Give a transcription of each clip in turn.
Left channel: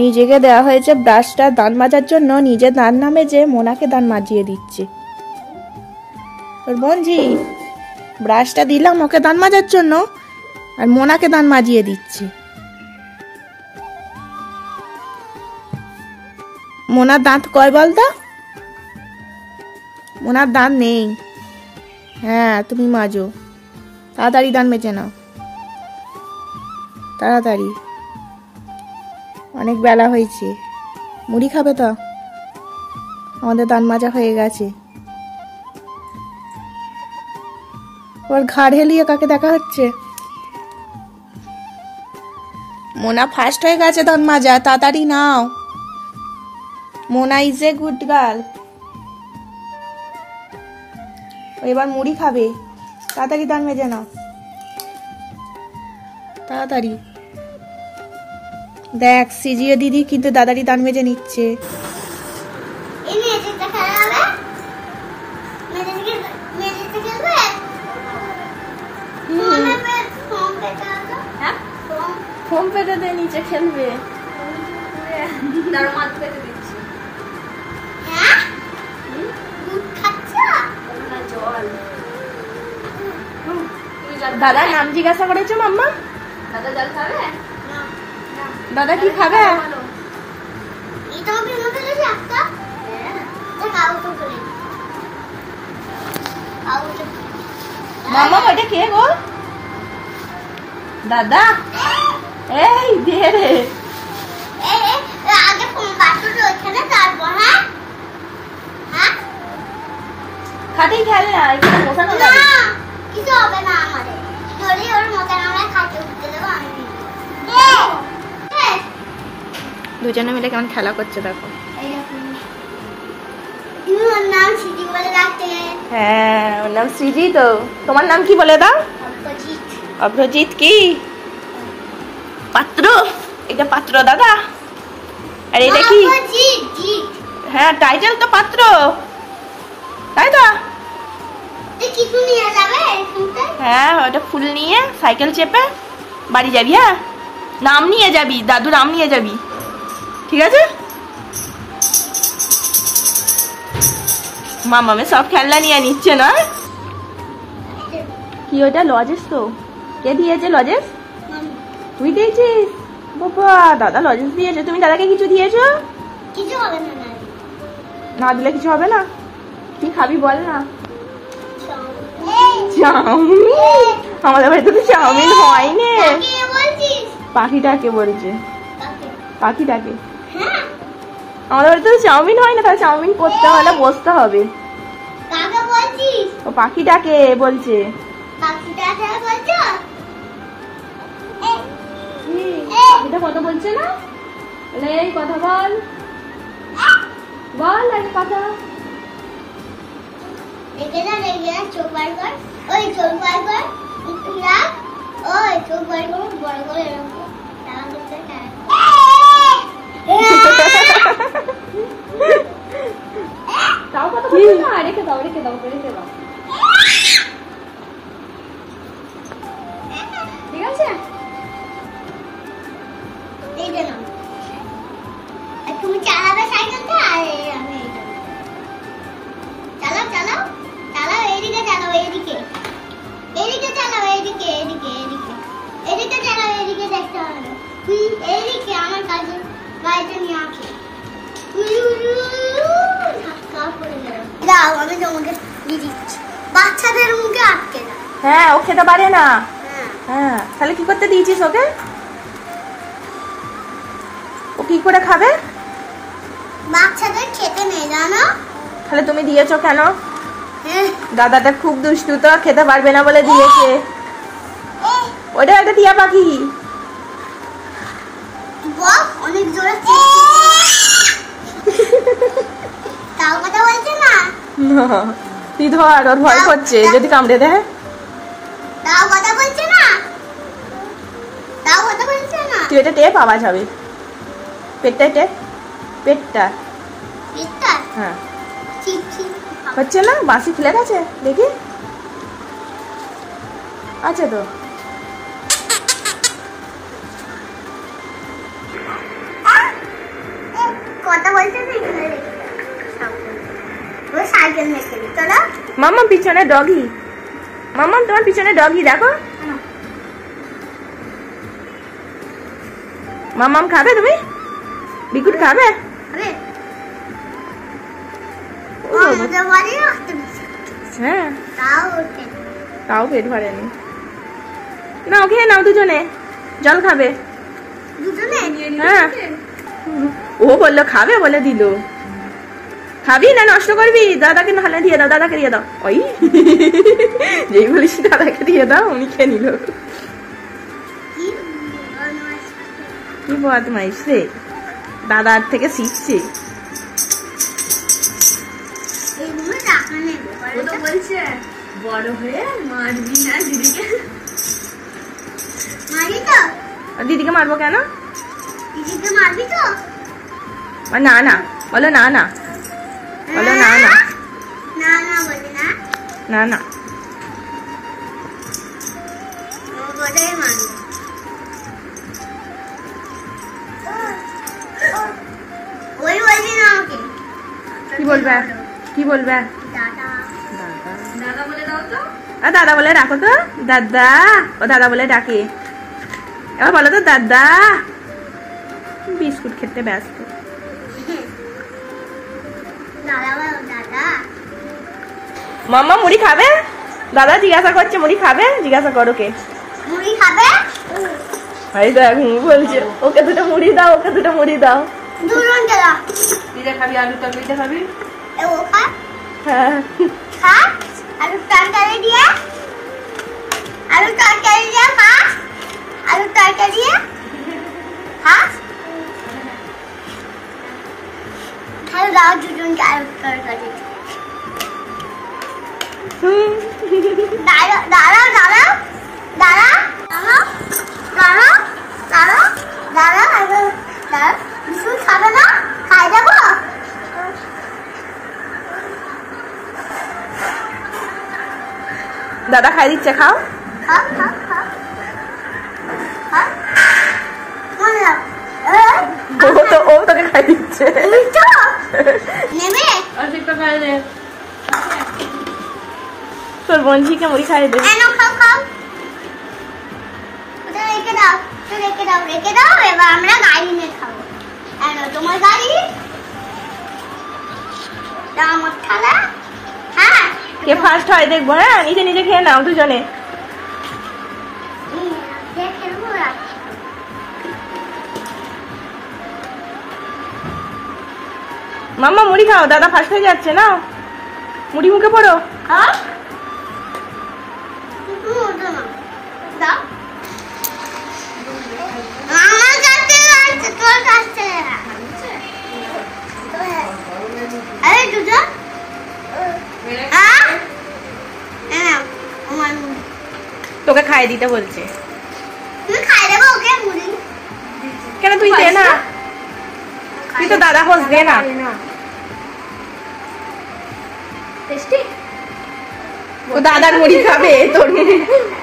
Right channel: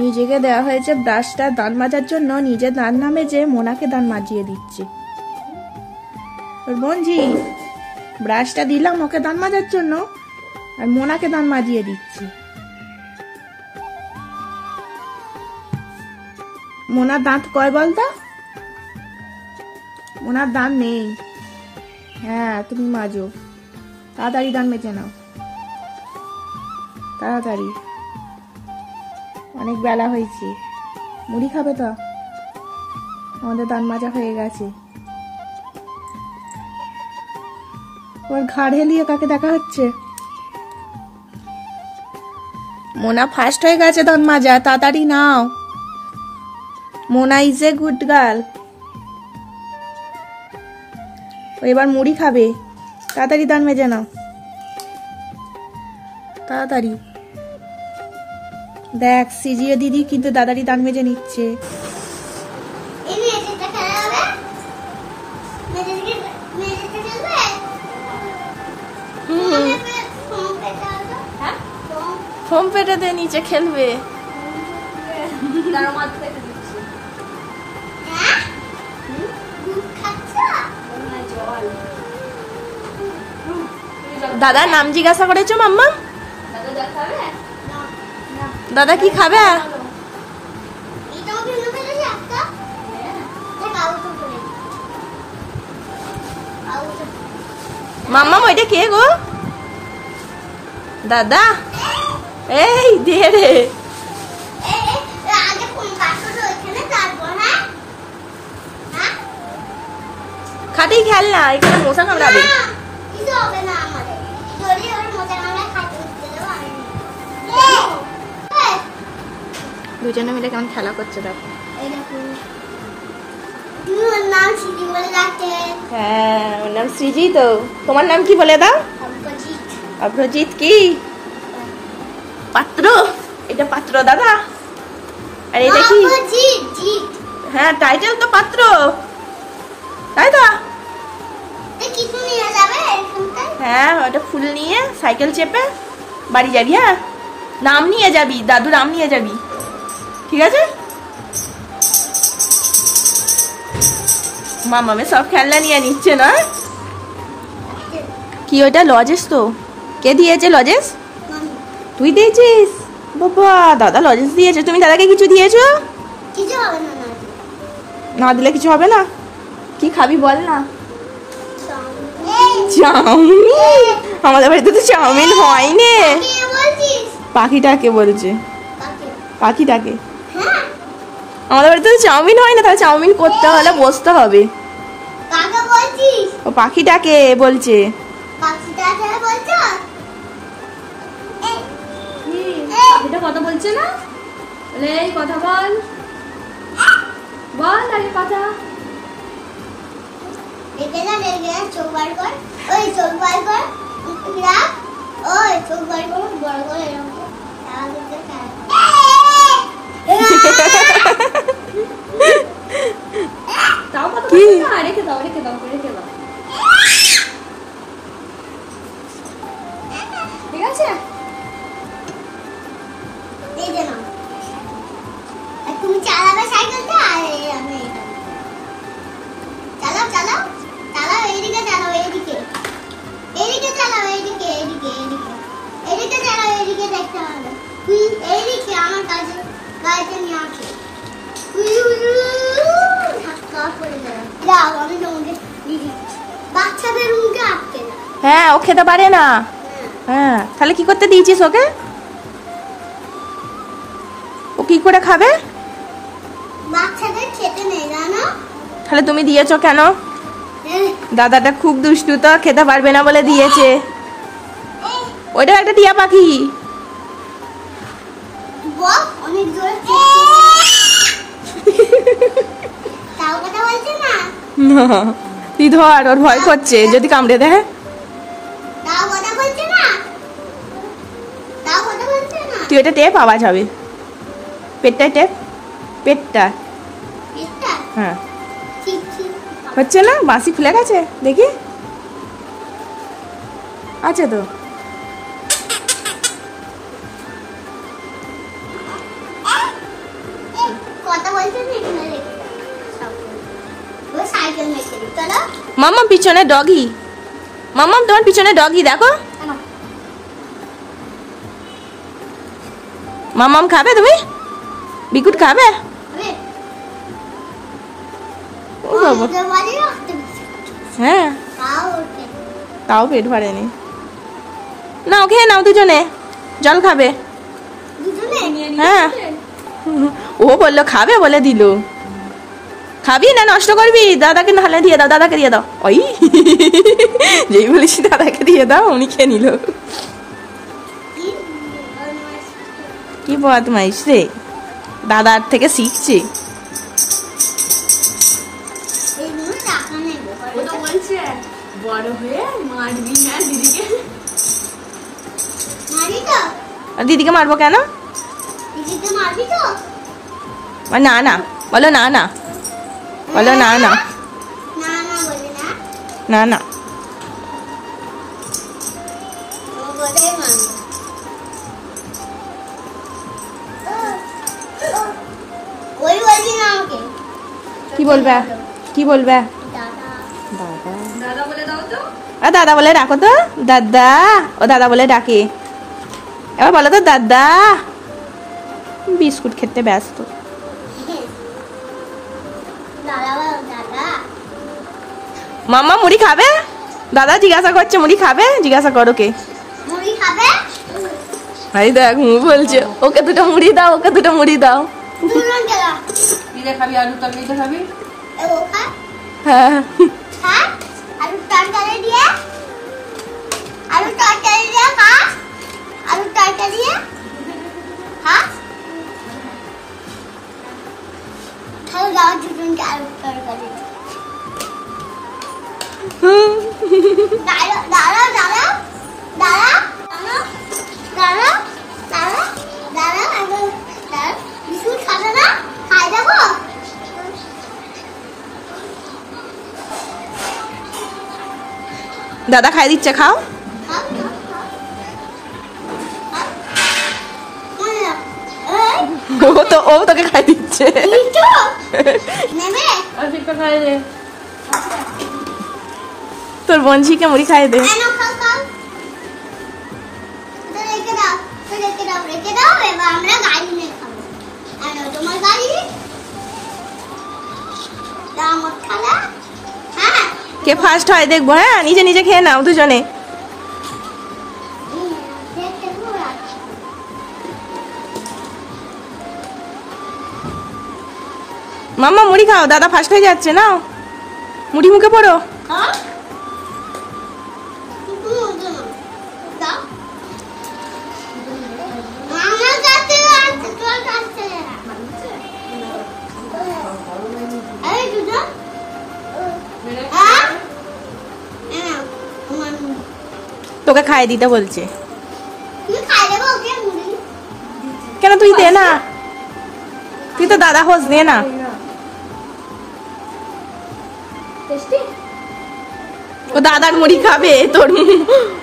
নিজেকে দেওয়া হয়েছে ব্রাশটা দাঁত মাজার জন্য, নিজে দাঁত না মেজে মোনাকে দাঁত মাজিয়ে দিচ্ছে। তোর বোনজি ব্রাশটা দিলাম ওকে দাঁত মাজার জন্য, আর মোনাকে দাঁত মাজিয়ে দিচ্ছে। মোনার দাঁত কয় বলতো? মোনার দাঁত নেই। হ্যাঁ তুমি মাজো, তাড়াতাড়ি দাঁত মেজে নাও, তাড়াতাড়ি, অনেক বেলা হয়েছে। মুড়ি খাবে তো? আমাদের দাঁত মাজা হয়ে গেছে। ওর ঘাড় হেলিয়ে কাকে দেখা হচ্ছে? মোনা ফার্স্ট হয়ে গেছে দাঁত মাজা, তাড়াতাড়ি নাও। Mona is a good girl. এবার মুড়ি খাবে, তাড়াতাড়ি দাঁত মেজে নাও, তাড়াতাড়ি। দেখ সিজিয়ে দিদি কিন্তু দাদারি দাঁত মেজে নিচ্ছে। ফোম পেটে দে, নিচে খেলবে। দাদা নাম জিজ্ঞাসা করেছো মাম্মা? দাদা কি খাবে? মাম্মা ওইটা কে গো? দাদা এই দিয়ে রে। খাটি খেল না, এখানে বসানো যাবে। দুজনে মিলে কেমন খেলা করছে দেখো। হ্যাঁ ওর নাম সৃজি। তো তোমার নাম কি বলে দাও? অভ্রজিৎ। কি পাত্র? এটা পাত্র দাদা। আর এটা কি? হ্যাঁ টাইটেল তো পাত্র, তাই তো? হ্যাঁ ওটা ফুল নিয়ে সাইকেল চেপে বাড়ি যাবি। হ্যাঁ নাম নিয়ে যাবি, দাদু নাম নিয়ে যাবি, ঠিক আছে? মামামে সব খেলনা নিয়ে নিচ্ছে না? কি ওটা লজেস? তো কে দিয়েছে লজেস? তুই দিয়েছিস? বাবা দাদা লজেস দিয়েছে, তুমি দাদাকে কিছু দিয়েছো? কিছু হবে না, না দিলে কিছু হবে না। কি খাবি বল না? চাউমিন? আমাদের বাড়িতে তো চাউমিন হয়নি। পাখিটাকে বলছে, পাখিটাকে। আমাদের বাড়িতে তো চাউমিন হয় না, তাহলে চাউমিন করতে হলে বসতে হবে। ও পাখিটাকে বলছে। এটা কথা বলছে না? বলে এই কথা বল, বল এই কথা। চোখ বার কর, ওই চোখ বার কর, ওই চোখ বার কর, বড় করে এরকম। তাও কথা বলছে না, রেখে দাও, রেখে দাও, রেখে দাও, ঠিক আছে? এই যে নাও, তুমি চালাবে সাইকেলটা, আর আমি চালাও, চালাও, চালাও, এইদিকে চালাও, এইদিকে, এইদিকে চালাও, এইদিকে, এইদিকে, এইদিকে, এদিকে চালাও, এইদিকে দেখতে হবে। তুই এইদিকে আমার কাছে গাড়িতে নিয়ে আসো। দাও আমি তোমাকে দিয়ে দিচ্ছি। বাচ্চাদের মুখে আটকে না। হ্যাঁ ও খেতে পারে না। হ্যাঁ তাহলে কি করতে দিয়েছিস ওকে? ও কি করে খাবে? বাচ্চাদের খেতে নেই জানো। তাহলে তুমি দিয়েছো কেন? দাদাটা খুব দুষ্টু, তো খেতে পারবে না বলে দিয়েছে। ওইটা একটা টিয়া পাখি। অনেক জোরে তাও কথা বলছে না। তুই ধর, ওর ভয় করছে যদি কামড়ে দেয়। তাও কথা বলছে না, তাও কথা বলছে না। তুই এটা টেপ, আওয়াজ হবে। পেটটা টেপ, পেটটা, পেটটা। হ্যাঁ হচ্ছে না? বাসি খুলে গেছে দেখি, আছে তো। কথা বলছে না এখানে রেখে দাও ও সাইকেল রেখে দিই চলো মাম্মা পিছনে ডগি মাম্মা তোমার পিছনে ডগি দেখো মাম্মাম খাবে তুমি বিকুট খাবে হ্যাঁ তাও পেট ভরেনি নাও খেয়ে নাও দুজনে জল খাবে হ্যাঁ ও বললো খাবে বলে দিল খাবি না নষ্ট করবি দাদাকে নাহলে দিয়ে দাও দাদাকে দিয়ে দাও ওই যেই বলিস দাদাকে দিয়ে দাও উনি খেয়ে নিল কি বদমাইশ রে দাদার থেকে শিখছে বড় হয়ে মারবি না দিদিকে মারি তো দিদিকে মারবো কেন দিদিকে মারবি তো না না বলো না না বলো না না না না বলে না না না ও বলে মারবো ওই বলবি না আমাকে কি বলবে কি বলবে দাদা দাদা বলে দাও তো দাদা বলে ডাকো তো দাদা ও দাদা বলে ডাকে এবার বলো তো দাদা বিস্কুট খেতে ব্যস্ত মাম্মা মুড়ি খাবে দাদা জিজ্ঞাসা করছে মুড়ি খাবে জিজ্ঞাসা করো কে মুড়ি খাবে এই দেখ বলছে ওকে দুটো মুড়ি দাও ওকে দুটো মুড়ি দাও খাবি আলু তরকারি খাবি হ্যাঁ হ্যাঁ আলু তরকারি দিয়ে আলু তরকারি দিয়ে খা আলু তরকারি দিয়ে হ্যাঁ খাও দাও দুজনকে আলু তরকারি দাঁড়া দাঁড়া দাঁড়া দাঁড়া দাঁড়া দাঁড়া দাঁড়া দাঁড়া দাঁড়া বিস্কুট খাবে না খাই দেবো দাদা খাই দিচ্ছে খাও ও তোকে খাই দিচ্ছে তোর বঞ্চিকে মুড়ি খাই দে রেখে দাও এবার আমরা গাড়ি নিয়ে খাবো তোমার গাড়ি আমার খালা হ্যাঁ কে ফার্স্ট হয় দেখবো হ্যাঁ নিজে নিজে খেয়ে নাও দুজনে মাম্মা মুড়ি খাও দাদা ফার্স্ট হয়ে যাচ্ছে না মুড়ি মুখে পড়ো তোকে খাই দিতে বলছে কেন তুই দে না তুই তো দাদা হোস দে না ও দাদার মুড়ি খাবে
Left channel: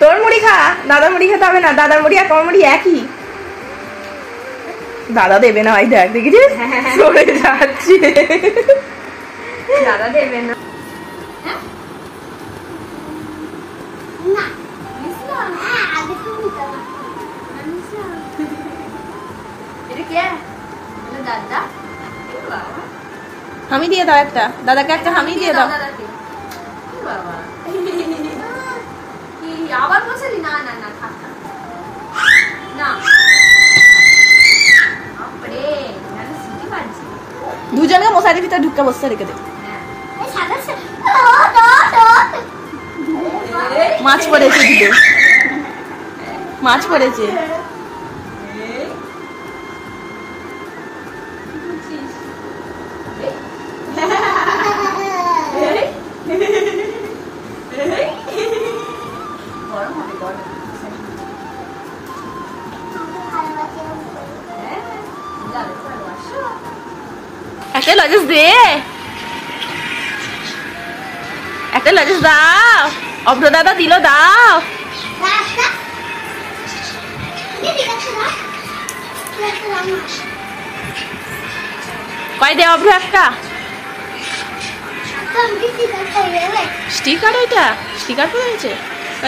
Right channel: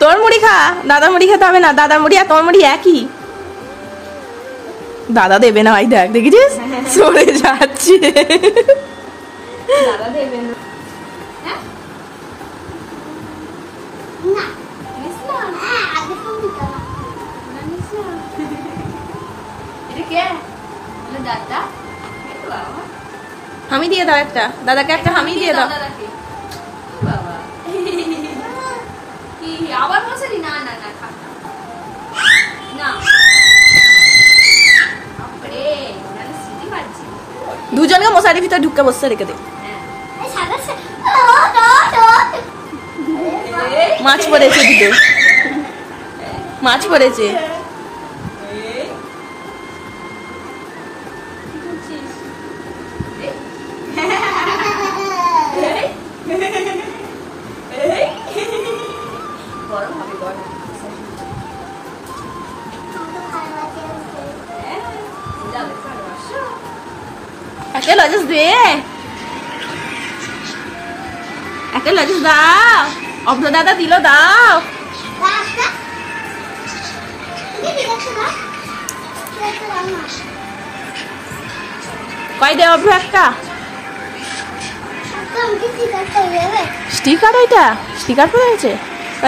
তোর মুড়ি খা দাদার মুড়ি খেতে হবে না দাদার মুড়ি আর তোর মুড়ি একই দাদা দেবে না ওই দেখ দেখেছিস সরে যাচ্ছে দাদা দেবে না হামি দিয়ে দাও একটা দাদাকে একটা হামি দিয়ে দাও আবার বসে না না না থাক না আপরে আরে সিটি বাজছে দুজনকে মশারির ভিতরে ঢুকে বসে রেখে দে মাছ পড়েছে দিতে মাছ পড়েছে একটা লজেস দে একটা লজেস দাও অব্দ দাদা দিল দাও কয় দে অভ্র একটা স্টিকার। ওইটা স্টিকার পরে আছে।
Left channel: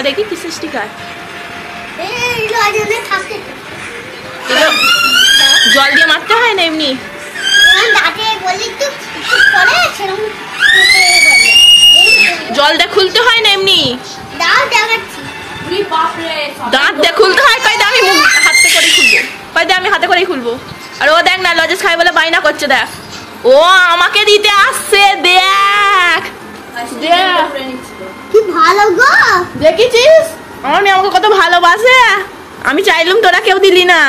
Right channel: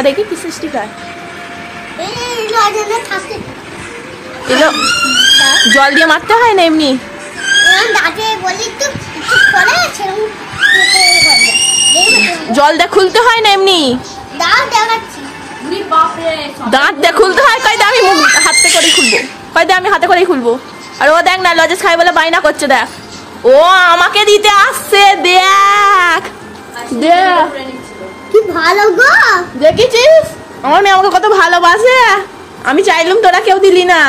দেখি কিসের স্টিকার? জল দিয়ে মারতে হয় না এমনি? জলটা খুলতে হয় না এমনি? দাঁত দিয়ে খুলতে হয়। কয় আমি হাতে করেই খুলবো। কয় আমি হাতে করেই খুলবো। আর ও দেখ না লজেস খাই বলে বায়না করছে। দেখ ও আমাকে দিতে আসছে। দেখ দেখ কি ভালো গো। দেখেছিস আমার মেয়ে আমাকে কত ভালোবাসে। আমি চাইলাম তোরা কেউ দিলি না।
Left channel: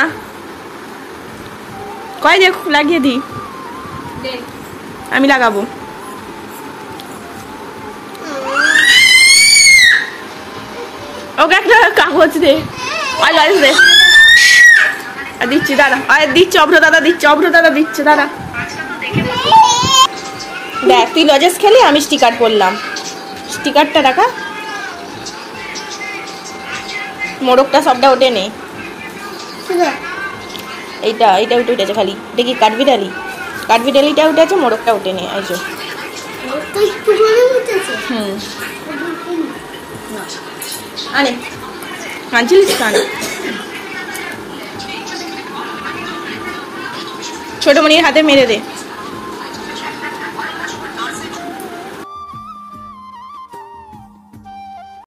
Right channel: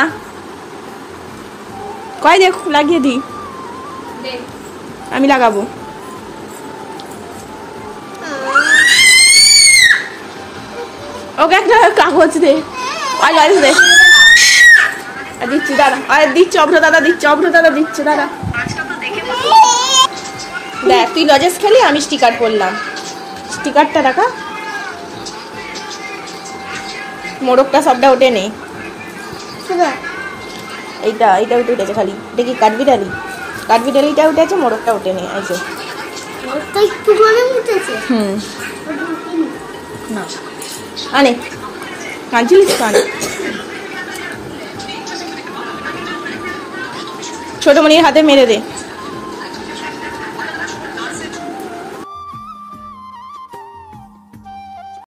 কয় দেখ লাগিয়ে দি। আমি লাগাবো। ওকে একটা কাগজ দে। দে দিচ্ছি দাদা। আরে দিচ্ছে অভ্র দাদা দিচ্ছে। অভ্র দাদা দিচ্ছে দাদা। দেখ তুই লজেস খেলি আমি স্টিকার পরলাম। স্টিকারটা রাখা। মোড়কটা সবটা ওঠে নেই। এইটা এইটা উঠে উঠেছে খালি। এটা কি কাঠবিড়ালি? কাঠবিড়ালিটা উঠে আছে, মোড়কটা উঠে নেই। এই যে আনে কাঁদছিলিস কান। ছোট মনির হাতে মেরে দে।